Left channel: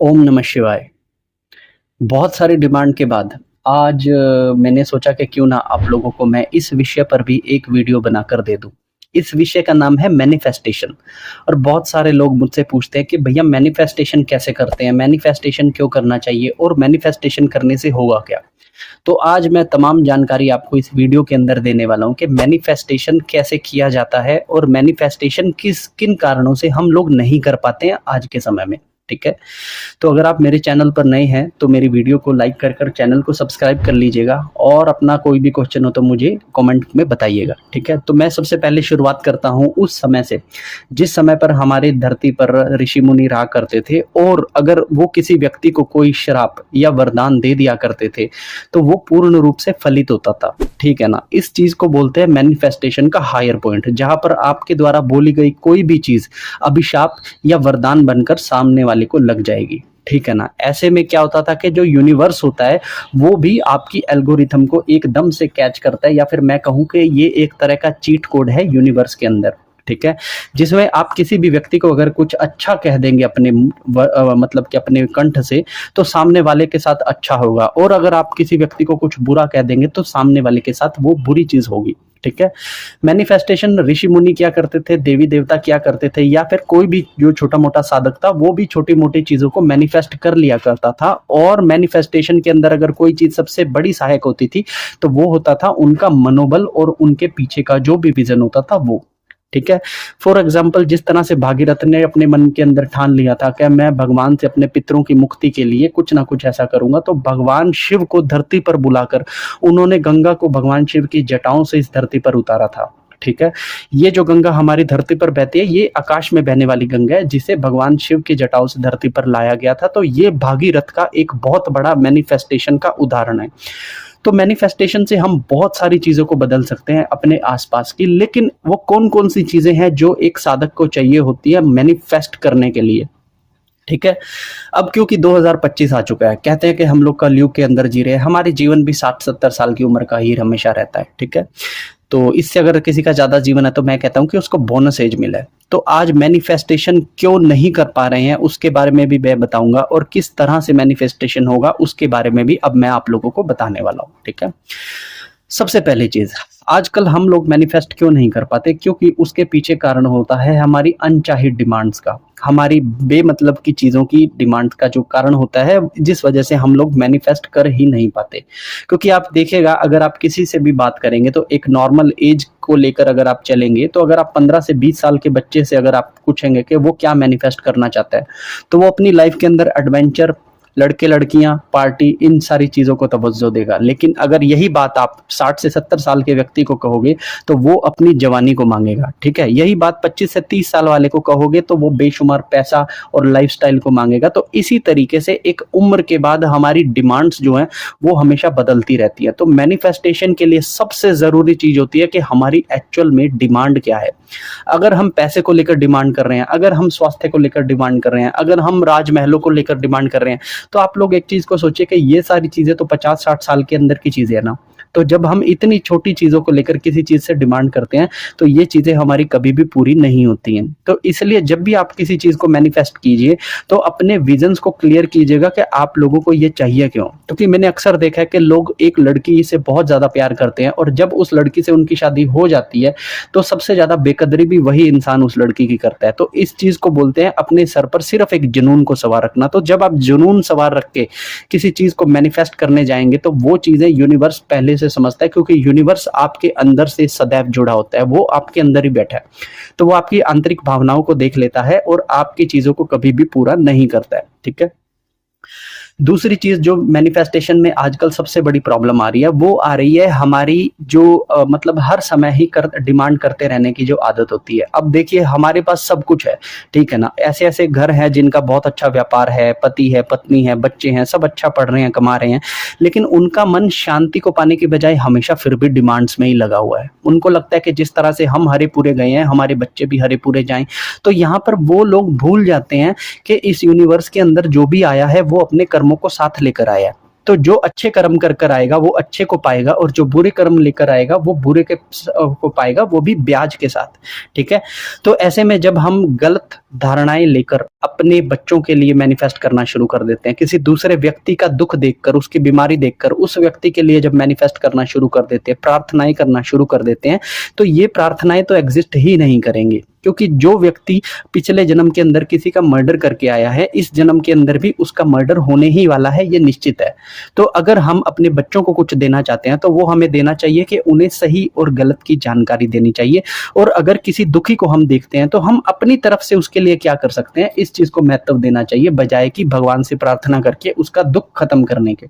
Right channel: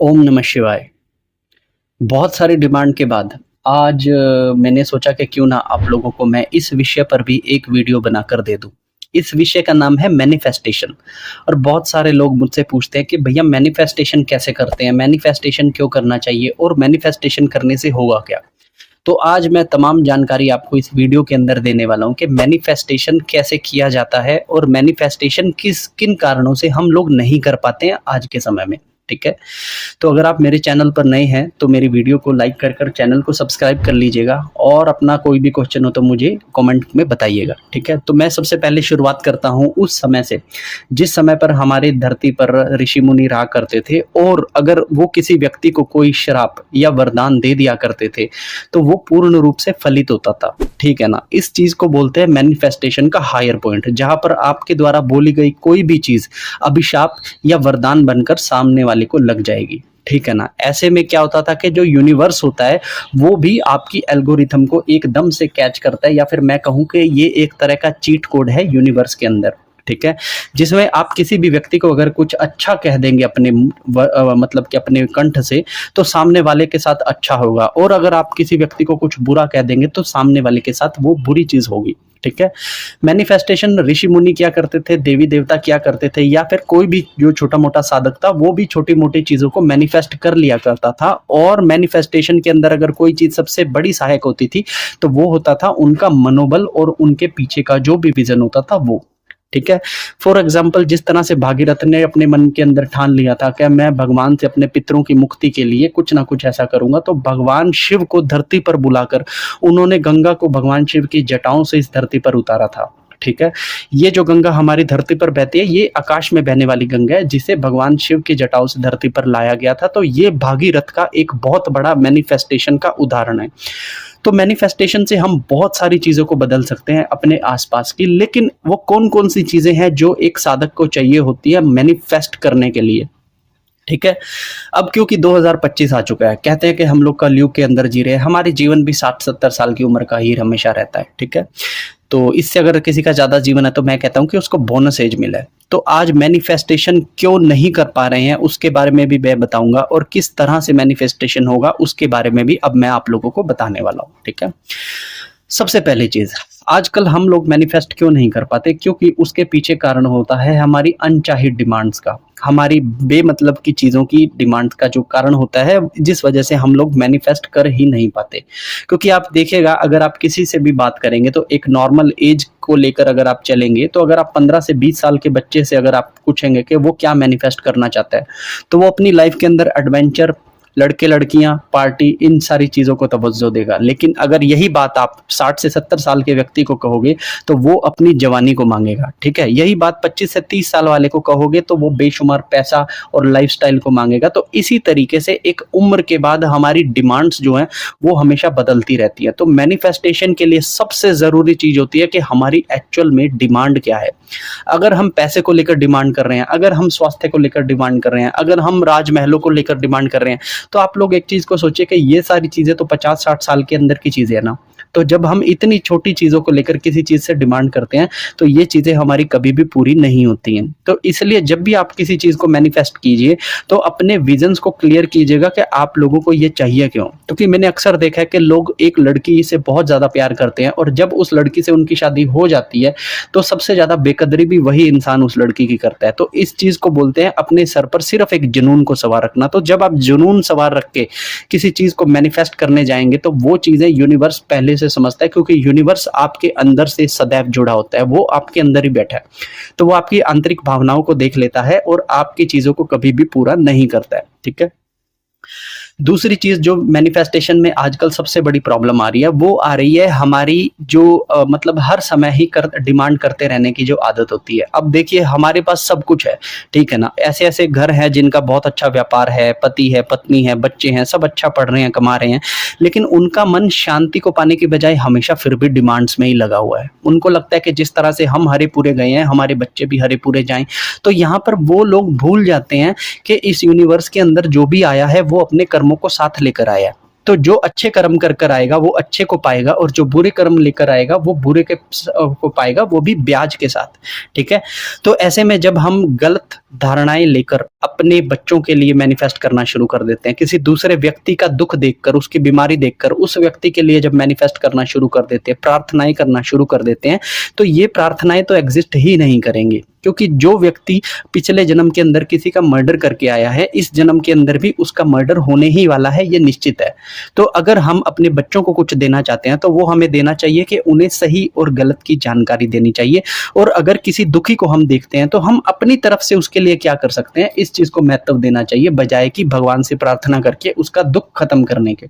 ओम नमः शिवाय। बहुत सारी डिमांड के बाद आज मैंने सोचा कि क्यों ना आप लोगों को मैं इस विषय पर भी एक वीडियो बनाकर दे दूं। इस विषय का नाम है मैनिफेस्टेशन। और बहुत सारे लोग मुझसे पूछते हैं कि भैया मैनिफेस्टेशन कैसे करते हैं, मैनिफेस्टेशन क्यों करना चाहिए और मैनिफेस्टेशन करने से होगा क्या। तो आज मैं तमाम जानकारी आपको इस वीडियो के अंदर देने वाला हूं कि मैनिफेस्टेशन कैसे किया जाता है और मैनिफेस्टेशन किन कारणों से हम लोग नहीं कर पाते हैं आज के समय में। ठीक है, तो अगर आप मेरे चैनल पर नए हैं तो मेरी वीडियो को लाइक कर चैनल को सब्सक्राइब कर लीजिएगा और अपना कोई भी क्वेश्चन हो तो मुझे कमेंट में बताइएगा। ठीक है, तो मैं सबसे पहले शुरुआत करता हूं उस समय से जिस समय पर हमारी धरती पर ऋषि मुनि रहा करते थे, और अगर वो किसी व्यक्ति को कोई श्राप या वरदान दे दिया करते थे तो वो पूर्ण रूप से फलित होता था। ठीक है ना, इस चीज को बोलते हैं मैनिफेस्टेशन का हायर पॉइंट, जहां पर आपके द्वारा बोली गई कोई भी चीज अभिशाप या वरदान बनकर सामने वाले को लग जाएगी। ठीक है ना, ऐसे में क्या होता था कि जो यूनिवर्स होता है वो भी आपकी एल्गोरिथम को एकदम से कैच करता है, या फिर मैं कहूं कि ये एक तरह का चीट कोड है यूनिवर्स के अंदर। ठीक है, जिसमें आप किसी भी व्यक्ति को अगर कुछ अच्छा कह देंगे अपने मतलब कि अपने कंठ से, तो सामने वाले के साथ अच्छा होगा, और अगर आप किसी व्यक्ति को कुछ बुरा कह देंगे तो सामने वाले के साथ वो बुरी चीज होगी। ठीक है, मैनिफेस्टेशन ऋषि मुनि क्या करते थे, देवी देवता क्या करते थे, या फिर कोई भी जो छोटा मोटा साधक था वो भी छोटी मोटी चीजों को मैनिफेस्ट कर लिया करता था। और मैनिफेस्टेशन के अंदर अगर कोई चीज सबसे बड़ी सहायक होती थी तो वो होता था उनका मनोबल और उनके पीछे का जो भी विजन होता था वो। ठीक है, फॉर एग्जाम्पल जिस तरह से भागीरथ ने अपने मन के अंदर ठान लिया था कि मैं भगवान से अपने पितरों की मुक्ति के लिए कुछ ना कुछ ऐसा करूंगा, तो भगवान शिव को धरती पर बुलाकर उन्होंने गंगा को भगवान शिव की जटाओं से इस धरती पर उतारा था। ठीक है, ये जो गंगा हमारी धरती पर बहती है ये आकाश में बहने वाली गंगा है, जिसे भगवान शिव की जटाओं से धरती पर लाया गया था। तो ये भागीरथ का एक बहुत बड़ा मैनिफेस्टेशन का उदाहरण है। तो मैनिफेस्टेशन से हम बहुत सारी चीजों को बदल सकते हैं अपने आसपास की, लेकिन वो कौन कौन सी चीजें हैं जो एक साधक को चाहिए होती है मैनिफेस्ट करने के लिए। ठीक है, अब क्योंकि 2025 आ चुका है, कहते हैं कि हम लोग कलयुग के अंदर जी रहे हैं, हमारी जीवन भी 60-70 साल की उम्र का ही हमेशा रहता है। ठीक है, तो इससे अगर किसी का ज्यादा जीवन है तो मैं कहता हूं कि उसको बोनस एज मिला है। तो आज मैनिफेस्टेशन क्यों नहीं कर पा रहे हैं उसके बारे में भी मैं बताऊंगा, और किस तरह से मैनिफेस्टेशन होगा उसके बारे में भी अब मैं आप लोगों को बताने वाला हूं। ठीक है, सबसे पहली चीज, आजकल हम लोग मैनिफेस्ट क्यों नहीं कर पाते, क्योंकि उसके पीछे कारण होता है हमारी अनचाही डिमांड्स का, हमारी बेमतलब की चीजों की डिमांड का जो कारण होता है, जिस वजह से हम लोग मैनिफेस्ट कर ही नहीं पाते। क्योंकि आप देखिएगा, अगर आप किसी से भी बात करेंगे तो एक नॉर्मल एज को लेकर अगर आप चलेंगे, तो अगर आप 15 से 20 साल के बच्चे से अगर आप पूछेंगे कि वो क्या मैनिफेस्ट करना चाहता है, तो वो अपनी लाइफ के अंदर एडवेंचर, लड़के लड़कियां, पार्टी, इन सारी चीजों को तवज्जो देगा। लेकिन अगर यही बात आप 60 से 70 साल के व्यक्ति को कहोगे तो वो अपनी जवानी को मांगेगा। ठीक है, यही बात 25 से 30 साल वाले को कहोगे तो वो बेशुमार पैसा और लाइफस्टाइल को मांगेगा। तो इसी तरीके से एक उम्र के बाद हमारी डिमांड्स जो हैं वो हमेशा बदलती रहती है। तो मैनिफेस्टेशन के लिए सबसे जरूरी चीज होती है कि हमारी एक्चुअल में डिमांड क्या है। अगर हम पैसे को लेकर डिमांड कर रहे हैं, अगर हम स्वास्थ्य को लेकर डिमांड कर रहे हैं, अगर हम राजमहलों को लेकर डिमांड कर रहे हैं, तो आप लोग एक चीज को सोचिए कि ये सारी चीजें तो 50-60 साल के अंदर की चीजें है ना। तो जब हम इतनी छोटी चीजों को लेकर किसी चीज से डिमांड करते हैं तो ये चीजें हमारी कभी भी पूरी नहीं होती हैं। तो इसलिए जब भी आप किसी चीज को मैनिफेस्ट कीजिए तो अपने विजन्स को क्लियर कीजिएगा कि आप लोगों को ये चाहिए क्यों। क्योंकि मैंने अक्सर देखा है कि लोग एक लड़की से बहुत ज्यादा प्यार करते हैं, और जब उस लड़की से उनकी शादी हो जाती है तो सबसे ज्यादा बेकदरी भी वही इंसान उस लड़की की करता है। तो इस चीज को बोलते हैं अपने सर पर सिर्फ एक जुनून को सवार रखना। तो जब आप जुनून सवार रख के किसी चीज को मैनिफेस्ट करने जाएंगे तो वो चीजें यूनिवर्स पहले से समझता है, क्योंकि यूनिवर्स आपके अंदर से सदैव जुड़ा होता है, वो आपके अंदर ही बैठा है। तो वो आपकी आंतरिक भावनाओं को देख लेता है और आपकी चीजों को कभी भी पूरा नहीं करता है। ठीक है, दूसरी चीज जो मैनिफेस्टेशन में आजकल सबसे बड़ी प्रॉब्लम आ रही है वो आ रही है हमारी जो मतलब हर समय ही डिमांड करते रहने की जो आदत होती है। अब देखिए, हमारे पास सब कुछ है, ठीक है ना, ऐसे ऐसे घर हैं जिनका बहुत अच्छा व्यापार है, पति है, पत्नी है, बच्चे हैं, सब अच्छा पढ़ रहे हैं, कमा रहे हैं, लेकिन उनका मन शांति को पाने की बजाय हमेशा फिर भी डिमांड्स में ही लगा हुआ है। उनको लगता है कि जिस तरह से हम हरे पूरे गए हैं हमारे बच्चे भी हरे पूरे जाएं। तो यहाँ पर वो लोग भूल जाते हैं कि इस यूनिवर्स के अंदर जो भी आया है वो अपने कर्मों को साथ लेकर आया है। तो जो अच्छे कर्म कर कर आएगा वो अच्छे को पाएगा, और जो बुरे कर्म लेकर आएगा वो बुरे को पाएगा, वो भी ब्याज के साथ। ठीक है, तो ऐसे में जब हम गलत धारणाएं लेकर अपने बच्चों के लिए मैनिफेस्ट करना शुरू कर देते हैं, किसी दूसरे व्यक्ति का दुख देखकर, उसकी बीमारी देखकर उस व्यक्ति के लिए जब मैनिफेस्ट करना शुरू कर देते हैं, प्रार्थनाएं करना शुरू कर देते हैं, तो ये प्रार्थनाएं तो एग्जिस्ट ही नहीं करेंगी, क्योंकि जो व्यक्ति पिछले जन्म के अंदर किसी का मर्डर करके आया है, इस जन्म के अंदर भी उसका मर्डर होने ही वाला है, ये निश्चित है। तो अगर हम अपने बच्चों को कुछ देना चाहते हैं तो वो हमें देना चाहिए कि उन्हें सही और गलत की जानकारी देनी चाहिए। और अगर किसी दुखी को हम देखते हैं तो हम अपनी तरफ से उसके लिए क्या कर सकते हैं, इस चीज को महत्व देना चाहिए, बजाय कि भगवान से प्रार्थना करके उसका दुख खत्म करने के।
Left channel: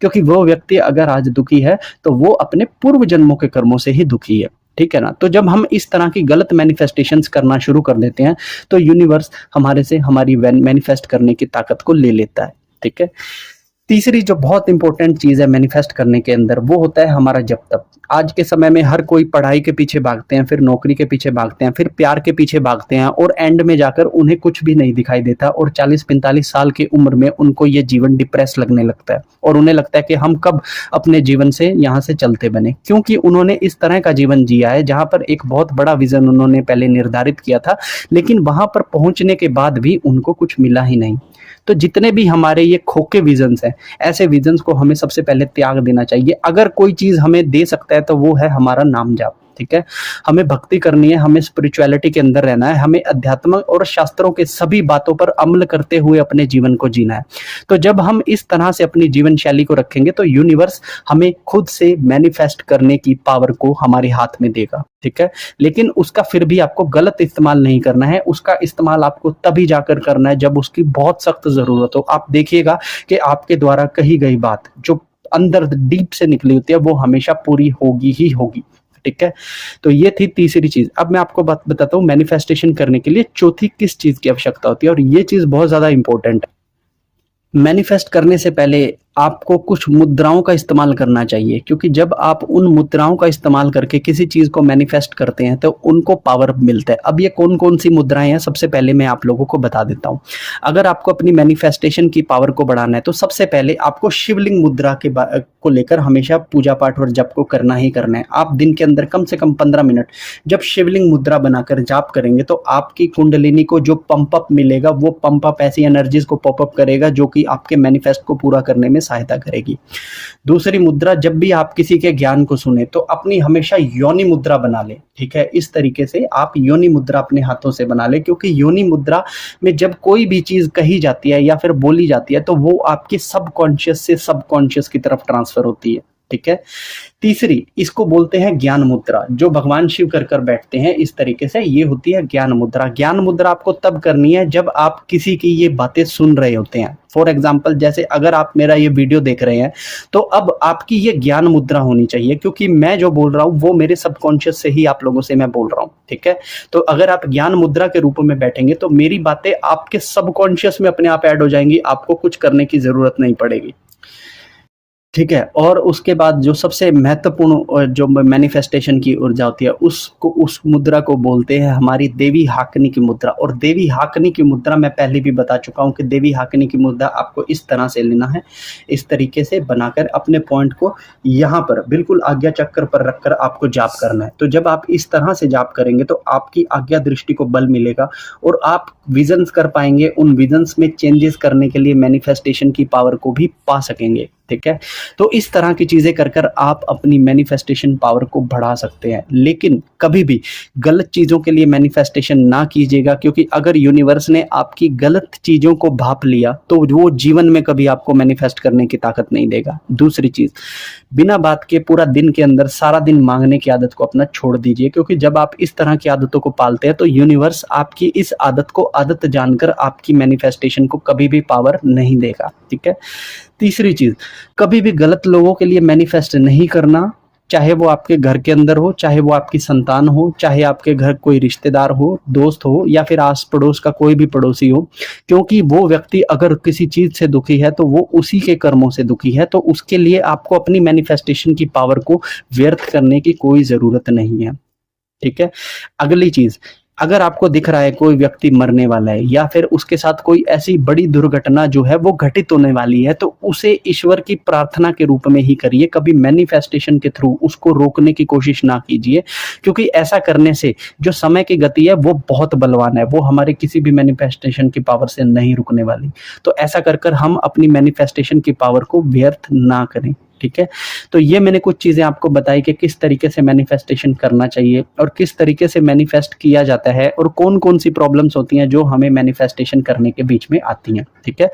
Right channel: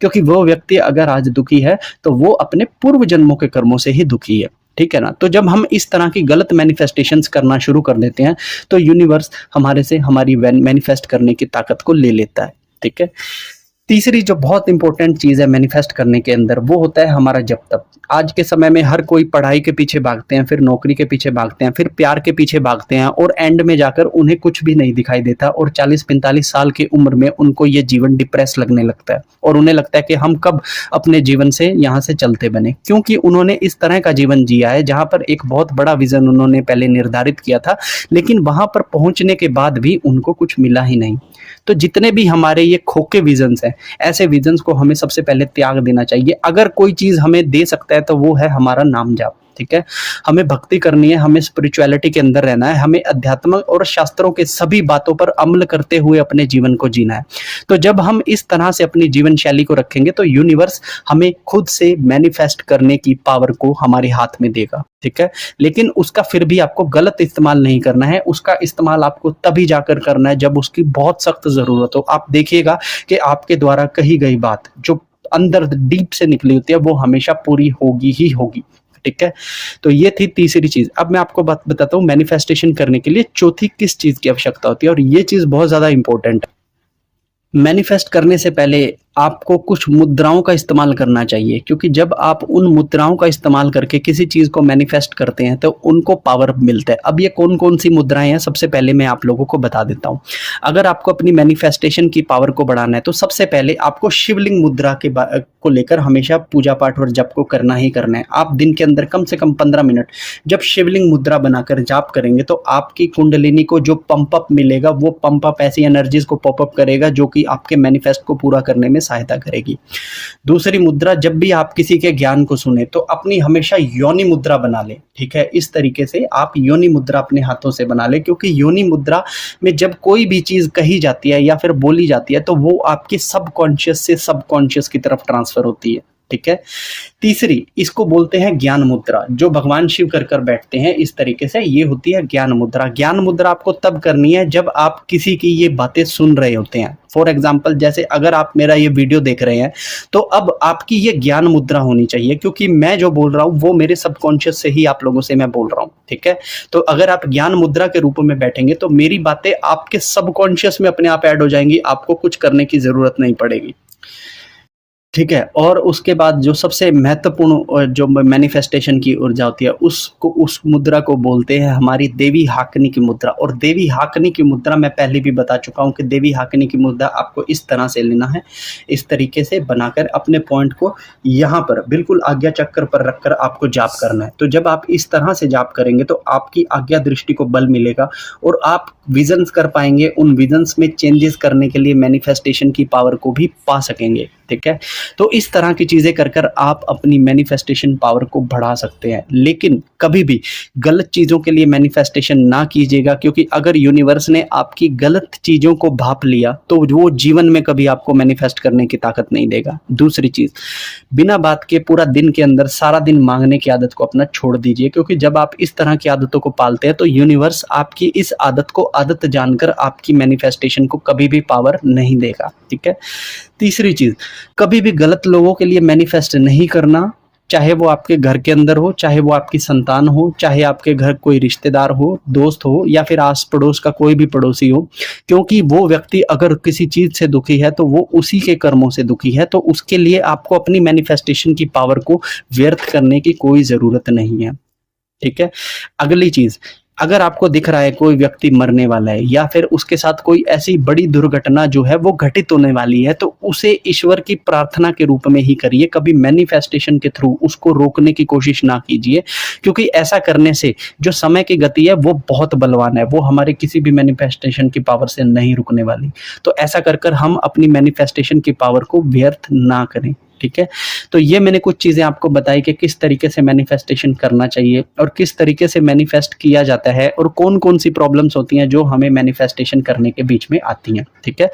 क्योंकि वो व्यक्ति अगर आज दुखी है तो वो अपने पूर्व जन्मों के कर्मों से ही दुखी है, ठीक है ना। तो जब हम इस तरह की गलत मैनिफेस्टेशंस करना शुरू कर देते हैं तो यूनिवर्स हमारे से हमारी मैनिफेस्ट करने की ताकत को ले लेता है, ठीक है। तीसरी जो बहुत इंपॉर्टेंट चीज है मैनिफेस्ट करने के अंदर, वो होता है हमारा जब तक। आज के समय में हर कोई पढ़ाई के पीछे भागते हैं, फिर नौकरी के पीछे भागते हैं, फिर प्यार के पीछे भागते हैं, और एंड में जाकर उन्हें कुछ भी नहीं दिखाई देता, और 40-45 साल की उम्र में उनको ये जीवन डिप्रेस लगने लगता है, और उन्हें लगता है कि हम कब अपने जीवन से यहाँ से चलते बने, क्योंकि उन्होंने इस तरह का जीवन जिया है जहां पर एक बहुत बड़ा विजन उन्होंने पहले निर्धारित किया था, लेकिन वहां पर पहुंचने के बाद भी उनको कुछ मिला ही नहीं। तो जितने भी हमारे ये खोखे विजन्स हैं, ऐसे विजन्स को हमें सबसे पहले त्याग देना चाहिए। अगर कोई चीज हमें दे सकता है तो वो है हमारा नाम जाप, ठीक है। हमें भक्ति करनी है, हमें स्पिरिचुअलिटी के अंदर रहना है, हमें अध्यात्म और शास्त्रों के सभी बातों पर अमल करते हुए अपने जीवन को जीना है। तो जब हम इस तरह से अपनी जीवन शैली को रखेंगे तो यूनिवर्स हमें खुद से मैनिफेस्ट करने की पावर को हमारे हाथ में देगा, ठीक है। लेकिन उसका फिर भी आपको गलत इस्तेमाल नहीं करना है, उसका इस्तेमाल आपको तभी जाकर करना है जब उसकी बहुत सख्त जरूरत हो। आप देखिएगा कि आपके द्वारा कही गई बात जो अंदर डीप से निकली होती है वो हमेशा पूरी होगी ही होगी, ठीक है। तो ये थी तीसरी चीज। अब मैं आपको बात बताता हूँ मैनिफेस्टेशन करने के लिए चौथी किस चीज की आवश्यकता होती है, और ये चीज बहुत ज्यादा इंपॉर्टेंट है। मैनिफेस्ट करने से पहले आपको कुछ मुद्राओं का इस्तेमाल करना चाहिए, क्योंकि जब आप उन मुद्राओं का इस्तेमाल करके किसी चीज को मैनिफेस्ट करते हैं तो उनको पावर मिलता है। अब ये कौन कौन सी मुद्राएं हैं, सबसे पहले मैं आप लोगों को बता देता हूं। अगर आपको अपनी मैनिफेस्टेशन की पावर को बढ़ाना है तो सबसे पहले आपको शिवलिंग मुद्रा को लेकर हमेशा पूजा पाठ और जप को करना ही करना है। आप दिन के अंदर कम से कम 15 मिनट जब शिवलिंग मुद्रा बनाकर जाप करेंगे तो आपकी कुंडलिनी को जो पंप अप मिलेगा, वो पंप अप ऐसी एनर्जीज को पॉप अप करेगा जो कि आपके मैनिफेस्ट को पूरा करने में सहायता करेगी। दूसरी मुद्रा, जब भी आप किसी के ज्ञान को सुने तो अपनी हमेशा योनि मुद्रा बना ले, ठीक है। इस तरीके से आप योनि मुद्रा अपने हाथों से बना ले, क्योंकि योनि मुद्रा में जब कोई भी चीज कही जाती है या फिर बोली जाती है तो वो आपके सबकॉन्शियस से सबकॉन्शियस की तरफ ट्रांसफर होती है, ठीक है। तीसरी, इसको बोलते हैं ज्ञान मुद्रा, जो भगवान शिव कर बैठते हैं इस तरीके से, ये होती है ज्ञान मुद्रा। ज्ञान मुद्रा आपको तब करनी है जब आप किसी की ये बातें सुन रहे होते हैं। फॉर एग्जाम्पल, जैसे अगर आप मेरा ये वीडियो देख रहे हैं तो अब आपकी ये ज्ञान मुद्रा होनी चाहिए, क्योंकि मैं जो बोल रहा हूँ वो मेरे सबकॉन्शियस से ही आप लोगों से मैं बोल रहा हूँ, ठीक है। तो अगर आप ज्ञान मुद्रा के रूप में बैठेंगे तो मेरी बातें आपके सबकॉन्शियस में अपने आप ऐड हो जाएंगी, आपको कुछ करने की जरूरत नहीं पड़ेगी, ठीक है। और उसके बाद जो सबसे महत्वपूर्ण जो मैनिफेस्टेशन की ऊर्जा होती है उसको, उस मुद्रा को बोलते हैं हमारी देवी हाकनी की मुद्रा। और देवी हाकनी की मुद्रा मैं पहले भी बता चुका हूं कि देवी हाकनी की मुद्रा आपको इस तरह से लेना है, इस तरीके से बनाकर अपने पॉइंट को यहाँ पर बिल्कुल आज्ञा चक्र पर रखकर आपको जाप करना है। तो जब आप इस तरह से जाप करेंगे तो आपकी आज्ञा दृष्टि को बल मिलेगा और आप विजन्स कर पाएंगे, उन विजन्स में चेंजेस करने के लिए मैनिफेस्टेशन की पावर को भी पा सकेंगे, ठीक है। तो इस तरह की चीजें कर आप अपनी मैनिफेस्टेशन पावर को बढ़ा सकते हैं। लेकिन कभी भी गलत चीजों के लिए मैनिफेस्टेशन ना कीजिएगा, क्योंकि अगर यूनिवर्स ने आपकी गलत चीजों को भाप लिया तो वो जीवन में कभी आपको मैनिफेस्ट करने की ताकत नहीं देगा। दूसरी चीज, बिना बात के पूरा दिन के अंदर सारा दिन मांगने की आदत को अपना छोड़ दीजिए, क्योंकि जब आप इस तरह की आदतों को पालते हैं तो यूनिवर्स आपकी इस आदत को आदत जानकर आपकी मैनिफेस्टेशन को कभी भी पावर नहीं देगा, ठीक है। तीसरी चीज, कभी भी गलत लोगों के लिए मैनिफेस्ट नहीं करना, चाहे वो आपके घर के अंदर हो, चाहे वो आपकी संतान हो, चाहे आपके घर कोई रिश्तेदार हो, दोस्त हो, या फिर आस पड़ोस का कोई भी पड़ोसी हो। क्योंकि वो व्यक्ति अगर किसी चीज से दुखी है तो वो उसी के कर्मों से दुखी है, तो उसके लिए आपको अपनी मैनिफेस्टेशन की पावर को व्यर्थ करने की कोई जरूरत नहीं है, ठीक है। अगली चीज, अगर आपको दिख रहा है कोई व्यक्ति मरने वाला है या फिर उसके साथ कोई ऐसी बड़ी दुर्घटना जो है वो घटित होने वाली है, तो उसे ईश्वर की प्रार्थना के रूप में ही करिए, कभी मैनिफेस्टेशन के थ्रू उसको रोकने की कोशिश ना कीजिए, क्योंकि ऐसा करने से जो समय की गति है वो बहुत बलवान है, वो हमारे किसी भी मैनिफेस्टेशन की पावर से नहीं रुकने वाली। तो ऐसा कर कर हम अपनी मैनिफेस्टेशन की पावर को व्यर्थ ना करें, ठीक है। तो ये मैंने कुछ चीजें आपको बताई कि किस तरीके से मैनिफेस्टेशन करना चाहिए और किस तरीके से मैनिफेस्ट किया जाता है और कौन कौन सी प्रॉब्लम्स होती हैं जो हमें मैनिफेस्टेशन करने के बीच में आती हैं, ठीक है।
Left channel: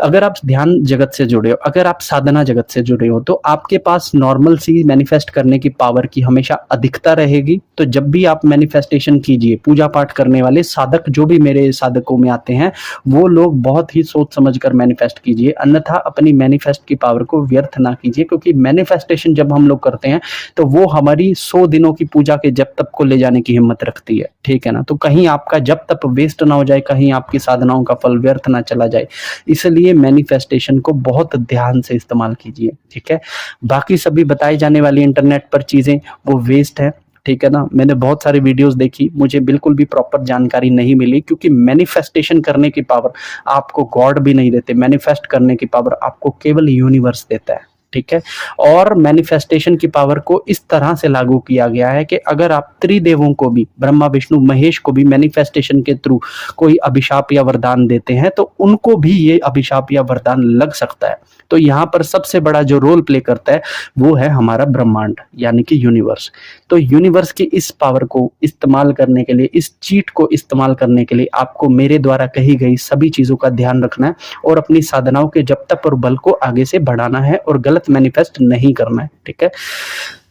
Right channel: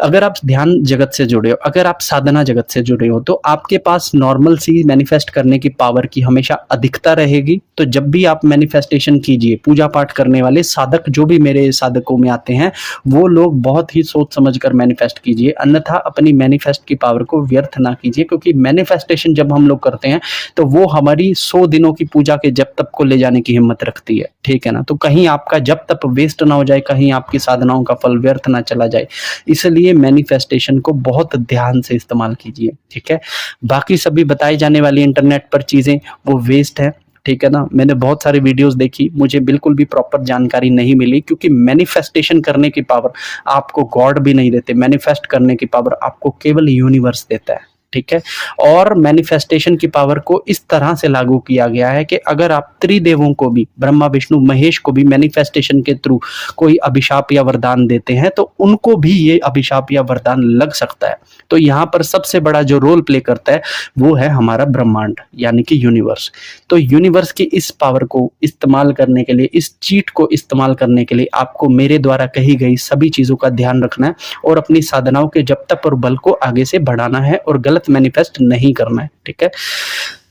अगर आप ध्यान जगत से जुड़े हो, अगर आप साधना जगत से जुड़े हो, तो आपके पास नॉर्मल सी मैनिफेस्ट करने की पावर की हमेशा अधिकता रहेगी। तो जब भी आप मैनिफेस्टेशन कीजिए, पूजा पाठ करने वाले साधक जो भी मेरे साधकों में आते हैं, वो लोग बहुत ही सोच समझ कर मैनिफेस्ट कीजिए, अन्यथा अपनी मैनिफेस्ट की पावर को व्यर्थ ना कीजिए, क्योंकि मैनिफेस्टेशन जब हम लोग करते हैं तो वो हमारी 100 दिनों की पूजा के जप तप को ले जाने की हिम्मत रखती है, ठीक है ना। तो कहीं आपका जप तप वेस्ट ना हो जाए, कहीं आपकी साधनाओं का फल व्यर्थ ना चला जाए, इसलिए मैनिफेस्टेशन को बहुत ध्यान से इस्तेमाल कीजिए, ठीक है। बाकी सभी बताई जाने वाली इंटरनेट पर चीजें वो वेस्ट है, ठीक है ना। मैंने बहुत सारी वीडियोस देखी, मुझे बिल्कुल भी प्रॉपर जानकारी नहीं मिली, क्योंकि मैनिफेस्टेशन करने की पावर आपको गॉड भी नहीं देते, मैनिफेस्ट करने की पावर आपको केवल यूनिवर्स देता है, ठीक है। और मैनिफेस्टेशन की पावर को इस तरह से लागू किया गया है कि अगर आप त्रिदेवों को भी, ब्रह्मा विष्णु महेश को भी मैनिफेस्टेशन के थ्रू कोई अभिशाप या वरदान देते हैं, तो उनको भी ये अभिशाप या वरदान लग सकता है। तो यहाँ पर सबसे बड़ा जो रोल प्ले करता है वो है हमारा ब्रह्मांड, यानी कि यूनिवर्स। तो यूनिवर्स की इस पावर को इस्तेमाल करने के लिए, इस चीट को इस्तेमाल करने के लिए आपको मेरे द्वारा कही गई सभी चीजों का ध्यान रखना है और अपनी साधनाओं के जप तप और बल को आगे से बढ़ाना है और गलत मैनिफेस्ट नहीं करना है, ठीक है।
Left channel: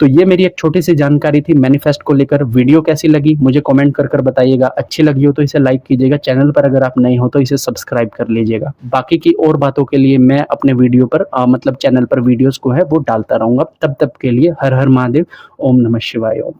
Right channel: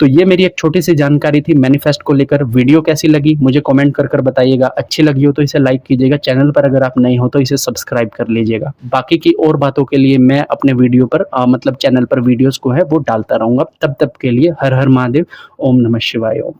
तो ये मेरी एक छोटी सी जानकारी थी मैनिफेस्ट को लेकर। वीडियो कैसी लगी मुझे कमेंट कर कर बताइएगा, अच्छी लगी हो तो इसे लाइक कीजिएगा, चैनल पर अगर आप नए हो तो इसे सब्सक्राइब कर लीजिएगा। बाकी की और बातों के लिए मैं अपने वीडियो पर मतलब चैनल पर वीडियोस को है वो डालता रहूंगा। तब तक के लिए हर हर महादेव, ओम नमः शिवाय। ओम।